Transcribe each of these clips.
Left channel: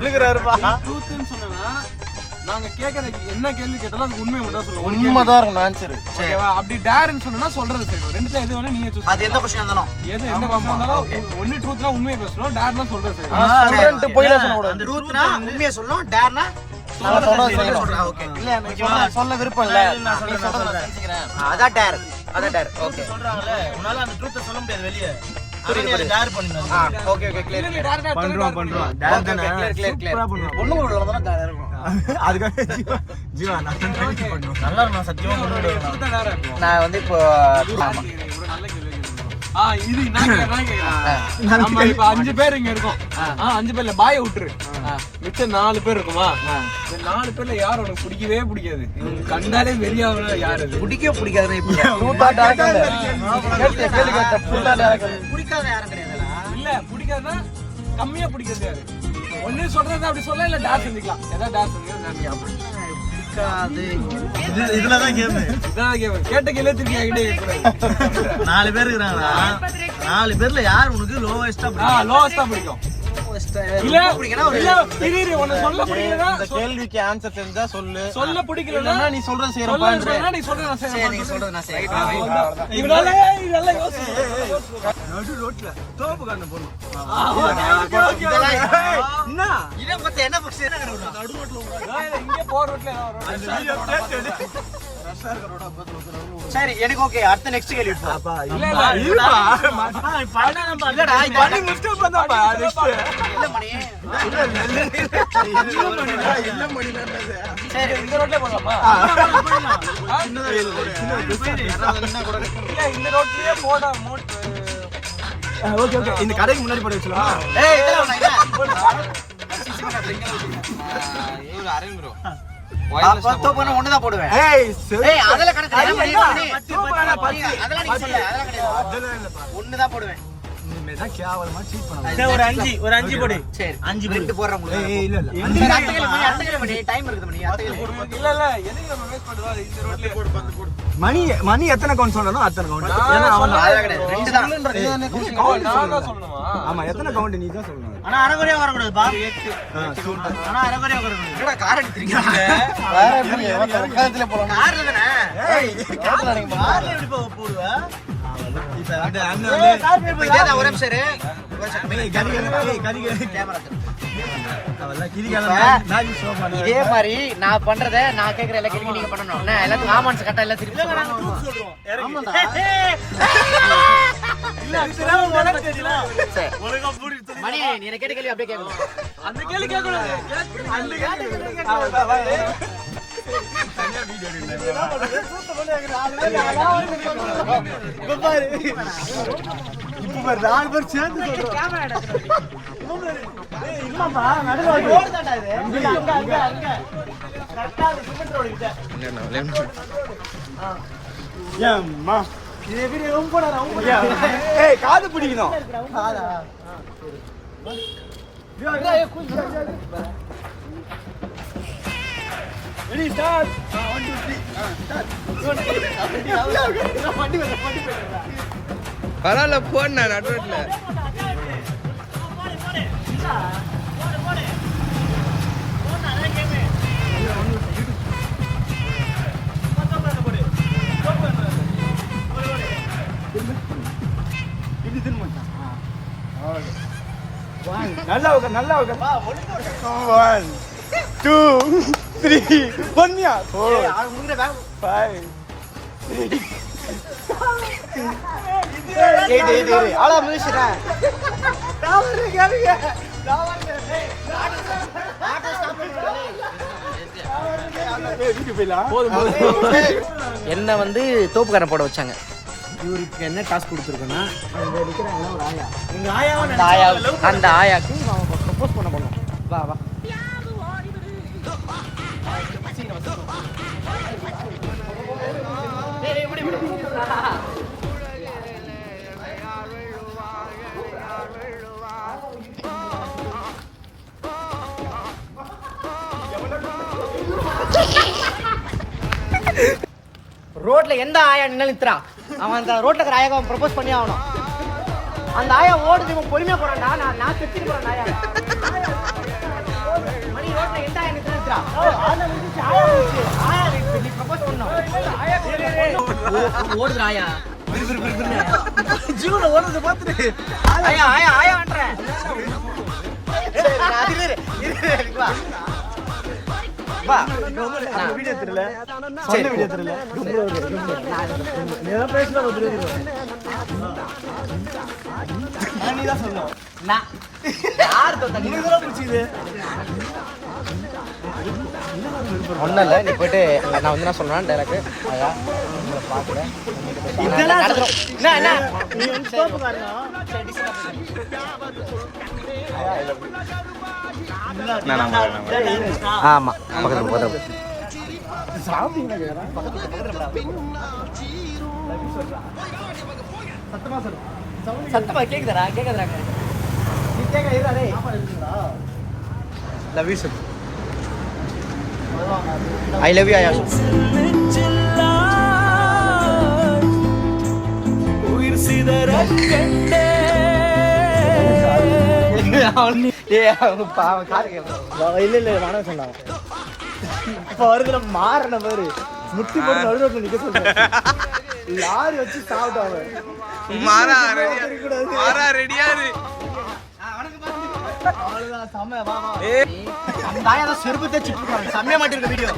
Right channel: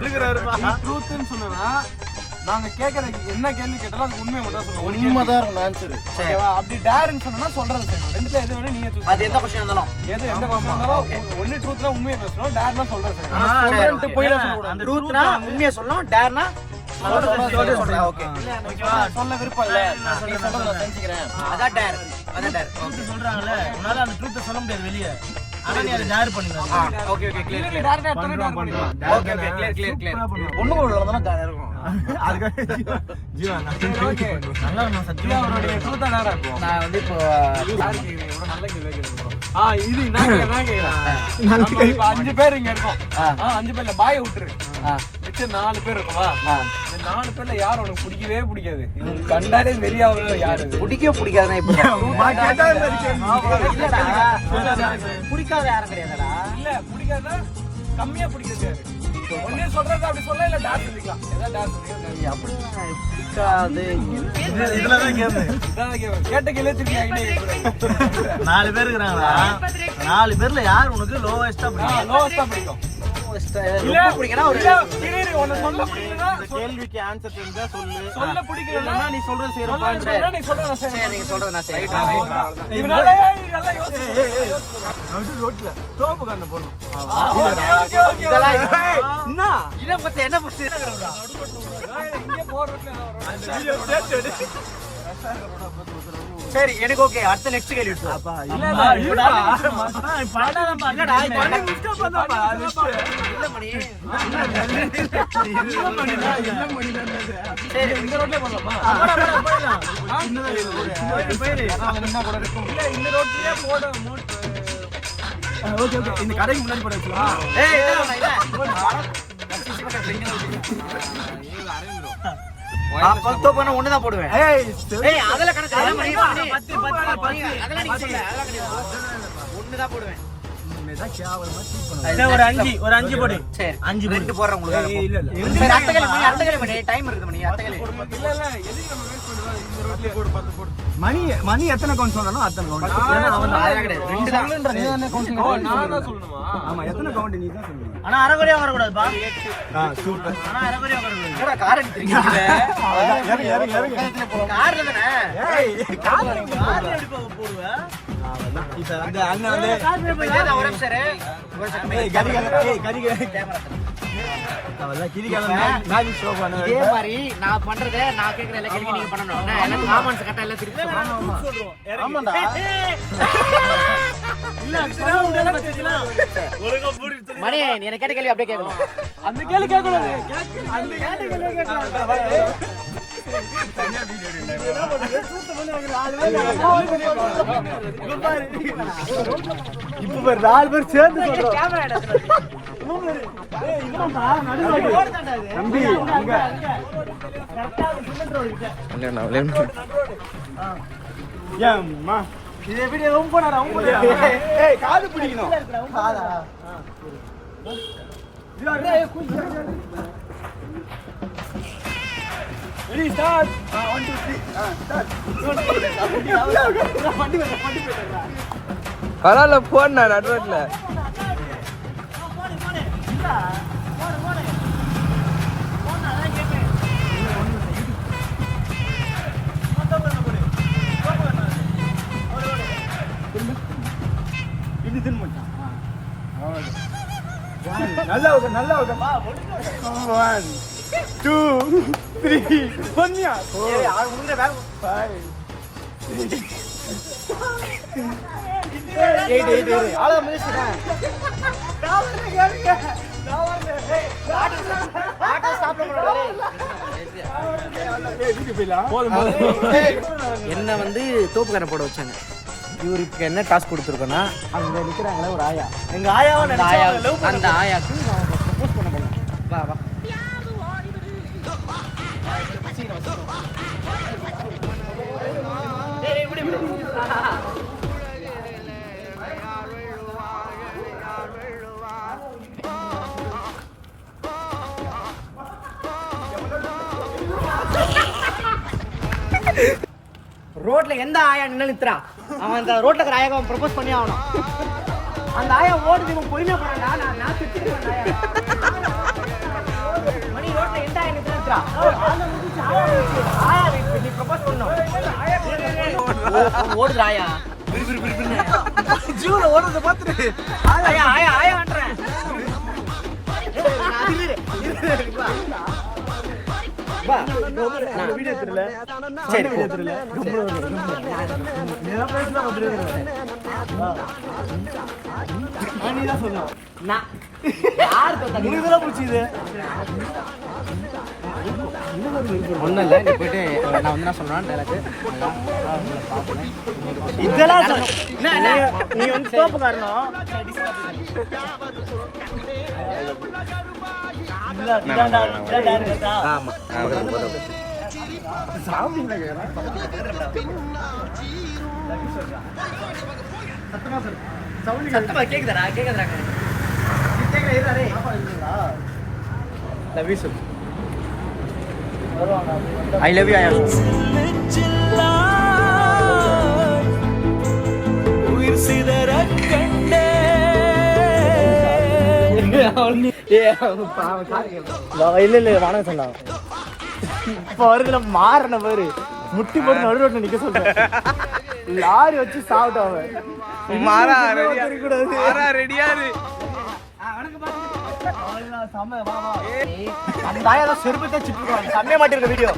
ட்ரூத்னு சொன்னா நாங்க கேக்குறது என்ன கேள்வி கேட்டாலும் அது உண்மை மட்டும் சொல்லுவோம். உண்மைதான் இருக்கும் ஆன்சர். ஓகேவா? அப்படி டேர்னு சொன்னா சொல்றது சரி. ரெண்டுல எது வேணா நீங்க அது எந்த क्वेश्चन இருந்தாலும் எந்த क्वेश्चन இருந்தாலும் ஒண்ணு ட்ரூத்னா உண்மையை பேசணும், டேர்னா சொல்றது சரி. சொல்லிட்டு போய் சொல்லணும். அந்த ட்ரூத்னா உண்மையை சொல்லணும், டேர்னா சொல்றது ஓகே. ஓகேவா? சொல்ல விருப்பம் இல்ல. நீ சொல்றத நான் தெரிஞ்சுக்கிறேன். அதான் டேர். ட்ரூத் சொல்றாங்கல. உன்னால அந்த ட்ரூத் சொல்ல முடியாது வெளிய. ஆனா நீ அதை டேர் பண்ணுங்க. Okay okay clear clear. டேரக்டா டேர் பண்ணிடலாம். Okay okay clear clear clear. ஒண்ணு கூட வரதா டேர் இருக்கும். அதுக்கு ஜீவா நான் ட்ரை பண்றேன். நல்லா நான் சத்தியமா நான் வந்து இப்போ இது நான் கேக்குறேன். நம்ம இப்ப 5 பேர் இங்க இருக்கோம். 5 பேர்ல பாய் விட்டுரு. மிச்ச 4 பேர் இருக்குமா? இந்த 4 பேர்ல யார் உனக்கு பிடிக்கவே பிடிக்காது? இது கண்டாலே வெறியாவல யாரு இது? பிடிக்காதுன்னா இப்போ பிடிக்காத யாரும் கிடையாதுடா. இல்ல பிடிக்காதா கம்மியா பிடிக்காது யாரு? ஒண்ணே சொல்றது அப்படி சொல்ல இல்ல டாஸ் செஞ்சுக்கலாம். ஏதாவது டாஸ் செஞ்சு பிடிக்காது. இதுலதான் கேம். இதான் கேம். கேட்ட கேள்வி திருப்பி ஐடியா 4 பேர் இருக்காங்களா? 4 பேர்ல யார் உனக்கு லோவஸ்டா பிடிக்கும்? லோவஸ்டா பிடிக்கும். இல்ல இல்ல ஒன்னு சொல்ல பிடிக்கலனா கேள்விக்கு ஆன்சர் தெரிஞ்சா சொல்லு. சொல்ல பிடிக்கலனா நீ சொல்றது செய்யற சொல்றேன்னா நீ சொல்றத நான் செய்றேன். நீ சொல்றது நான் செய்றேன். இவனால நல்லா யோசி. ரோட்ல தோப்பு கண்ணு போடு. ஓகே இதெல்லாம் என்ன இத பத்தி என்ன பிரச்சனை? இங்க போற ரோட்ல அந்த வீடியோ சேர்த்து சரி எனக்கு ஓகே. அடுத்த நெக்ஸ்ட் கேள்வி போ. இல்ல இல்ல பாடா நம்ம இல்லடா இது இல்ல மணி. சரி இந்த ரோட்ல போலாமா? இல்ல இந்த ரோட்லயே போடா மோட். ஓகே ஓகே இந்த கடைக்கு முன்னாடி போட வச்சுக்கலாம். ஏய் இதெல்லாம் இல்ல. பத்து பண்ண ஒண்ணு தான் போடுவேன். ஏய் அதெல்லாம் கணக்கு இல்ல மணி. 10 அதெல்லாம் நீங்க சொல்ல. அதெல்லாம் கிடையாது. ஒண்ணு தான் போடுவேன். ஒரு 5 போடு. சரி 5 ரெண்டு போடுறேன் உங்களுக்கு. இல்ல இல்ல அடுத்த கேள்வி மணி டைம் இருக்குது மணி. அடுத்த கேள்வி போடு. இல்ல இல்ல எதுக்கு நம்ம வேஸ்ட் பண்ணுவா? இந்த ரோட்லயே போடு 10 போடு. மணி எத்தனை கவுண்ட் சொன்னானோ அத்தனை கவுண்ட். நான் சொல்ல கிடையாது. ரெண்டு தான். ஓ நான் தான் சொல்லணுமா? ஆமா எத்தனை கவுண்ட் நீ தான் சொல்லணும். ஆனா அரவரையா வர கூடாது பா. ஆனா அரவரையா வர கூடாது. என்னடா கார் அடிச்சிருக்கீங்க? கார்ல தானே. கார்ல எப்படி போடுவ? இப்ப இதே தான். ஒரு நிமிஷம் இரு. ஒரு செகண்ட் கேமரா இதே மாதிரி நான் பண்றத நான் கேக்குற எல்லா கேள்வியும் நீங்க பண்ணணும். நான் எல்லாத்துக்கும் ஆமான்ஸ் கரெக்டா எல்லாம் திருப்பி சொல்றோம். ஆமாடா. மணி நீ எனக்கு கேட்ட கேள்வி அப்படியே கேட்கணும். அந்த கேள்வி கேட்க கூடாது. அந்த கேள்வி இப்ப பாரு 4 பேர் சேர்ந்து காது பிடிக்கணும். காதா ரெடி ஸ்டார்ட். 1 2 3 ஸ்டார்ட். வண்டி போயிடுறா. பரவாயில்ல போனா நடுரோட்ல நல்லா நல்லா 1 2 3 பொன்னியா 5 8 ஆளா மியூசிக் என்ன வந்து தோப்புக்கான போட வச்சாங்க. இவருக்கு என்ன டாஸ்க் கொடுத்துருக்கோன்னா அங்க இருக்கிறாங்களா ஒரு ஆயா. எங்க ஆயாவை அந்த ஆயாக்கு ப்ரப்போஸ் பண்ண போகணும். வா வா ரோட்ல எந்த ஆயா நின்னுறா அவன் அந்த ரோட்ல இருக்கிற ஆயாவை ப்ரப்போஸ் பண்ணி ஆகணும். அந்த ஆயா ஓடுது இவன் பொறுமையா போறான்டா. நான் செத்துட்டு போறேன் ஆயா. எந்த ஆயா நீ திருத்துறா நீ ப்ரப்போஸ் பண்ணணும் ஓடுற ஆயா ஆயா ஆயா ஆயா பண்றேன் சரி ஒன்னும் இல்லை நீ போயிட்டு நான் வந்து என்ன சொல்றேன் டைலாக் இதெல்லாம் நீ வந்து சோப்பு காரணம் ஆமா சத்தமா கேக்குதா கேக்குறாங்க I love you Ayashu உயிர் சிதற கண்டே இல்ல நானே சொன்னேன் இப்போ வருதுல மாறன பேரு முட்டி போட்டு நடுரோட்ல நிக்க சொல்றேன் யாரு வச்சு சாப்பிட்டோம் மாறா ரெடியாரு செம்மையா மாட்டிருக்க வீடியோ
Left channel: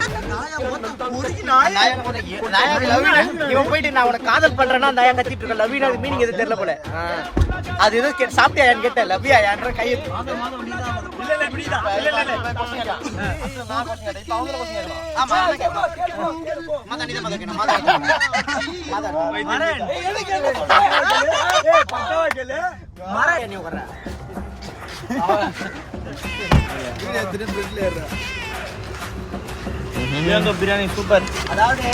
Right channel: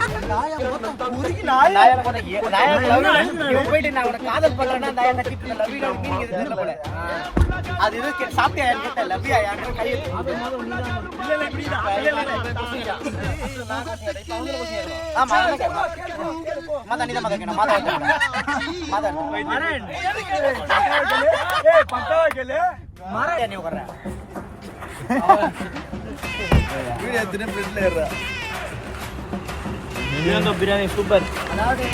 போயிட்டு நான் உனக்கு காதல் பண்றேன்னா அந்த ஐயா கத்திட்டு இருக்க லவ்யூ மீனிங் எது தெரியல போல அது எதுவும் சாப்பிட்டியா கேட்டேன் லவ்யா யாரும் கையை பிரியாணி சூப்பர் அதாவது